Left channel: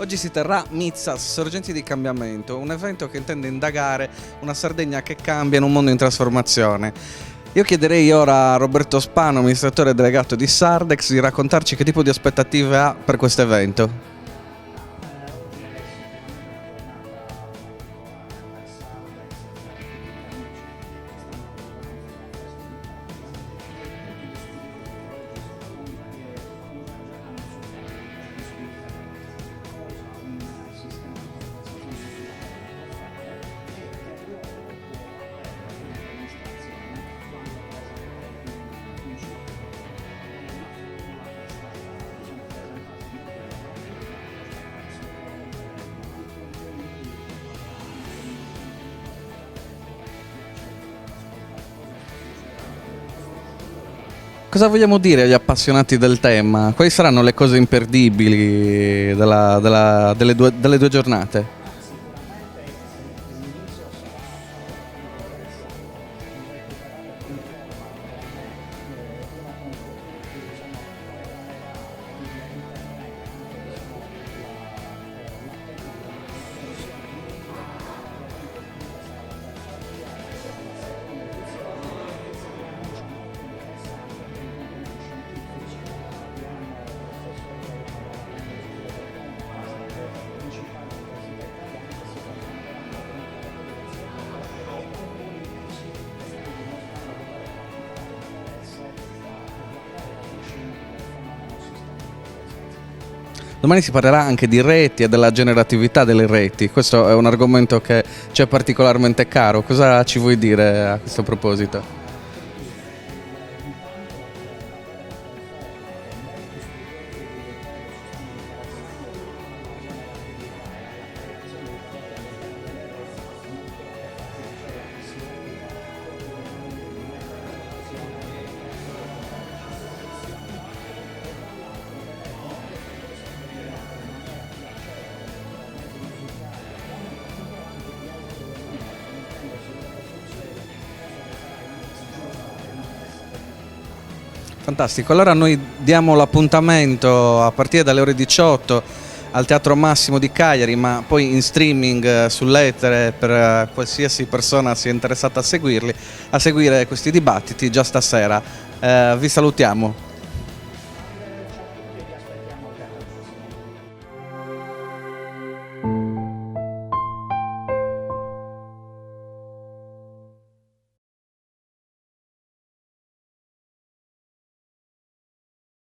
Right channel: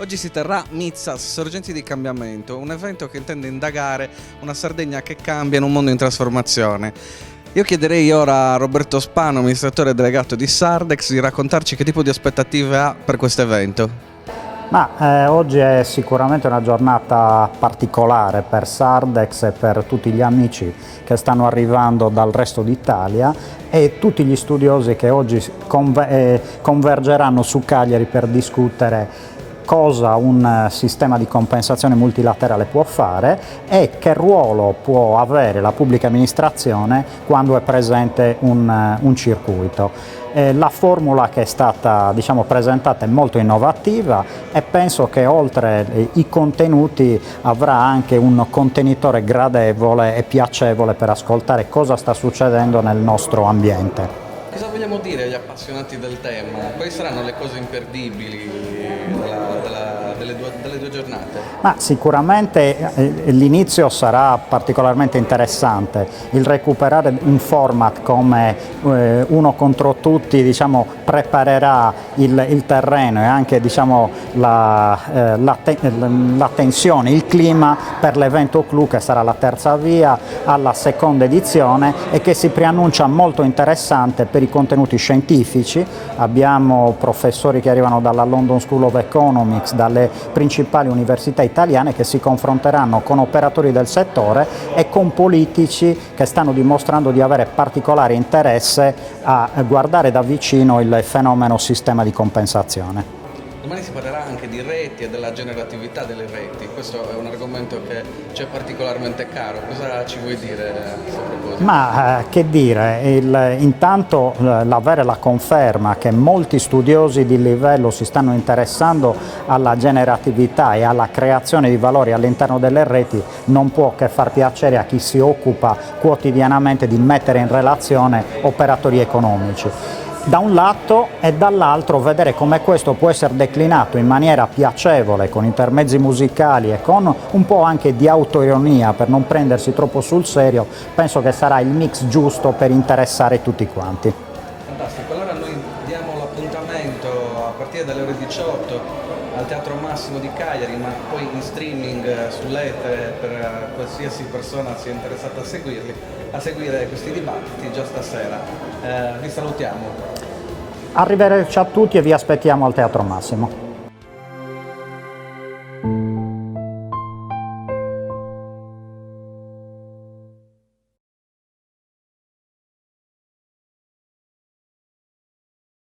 Oggi si terrà Mitsas, Sorgenti di Cambiamento, un evento che intende indagare una Sardegna che cambia in un mondo in trasformazione. Io chiederei ora a Roberto Spano, amministratore delegato di Sardex, di raccontarci che tipo di aspettative ha per questo evento. Oggi è sicuramente una giornata particolare per Sardex e per tutti gli amici che stanno arrivando dal resto d'Italia e tutti gli studiosi che oggi convergeranno su Cagliari per discutere cosa un sistema di compensazione multilaterale può fare e che ruolo può avere la pubblica amministrazione quando è presente un circuito. La formula che è stata presentata è molto innovativa e penso che oltre i contenuti avrà anche un contenitore gradevole e piacevole per ascoltare cosa sta succedendo nel nostro ambiente. Cosa vogliamo dire agli appassionati del tema? Quali saranno le cose imperdibili delle due giornate? Sicuramente l'inizio sarà particolarmente interessante, il recuperare un format come uno contro tutti preparerà il terreno e anche la tensione, il clima per l'evento clou che sarà la terza via alla seconda edizione e che si preannuncia molto interessante per i contenuti scientifici. Abbiamo professori che arrivano dalla London School of Economics, dalle principali università italiane che si confronteranno con operatori del settore e con politici che stanno dimostrando di avere particolare interesse a guardare da vicino il fenomeno sistema di compensazione. Domani si parlerà anche di reti e della generatività delle reti. Questo è un argomento che ci è particolarmente caro. Cosa ci vuoi dire a questo proposito? Che dire, intanto l'avere la conferma che molti studiosi di livello si stanno interessando alla generatività e alla creazione di valori all'interno delle reti non può che far piacere a chi si occupa quotidianamente di mettere in relazione operatori economici. Da un lato e dall'altro vedere come questo può essere declinato in maniera piacevole con intermezzi musicali e con un po' anche di autoironia per non prendersi troppo sul serio, penso che sarà il mix giusto per interessare tutti quanti. Fantastico, allora noi diamo l'appuntamento a partire dalle ore 18 al Teatro Massimo di Cagliari, ma poi in streaming sull'etere per qualsiasi persona sia interessata a seguire questi dibattiti già stasera. Vi salutiamo. Arrivederci a tutti e vi aspettiamo al Teatro Massimo.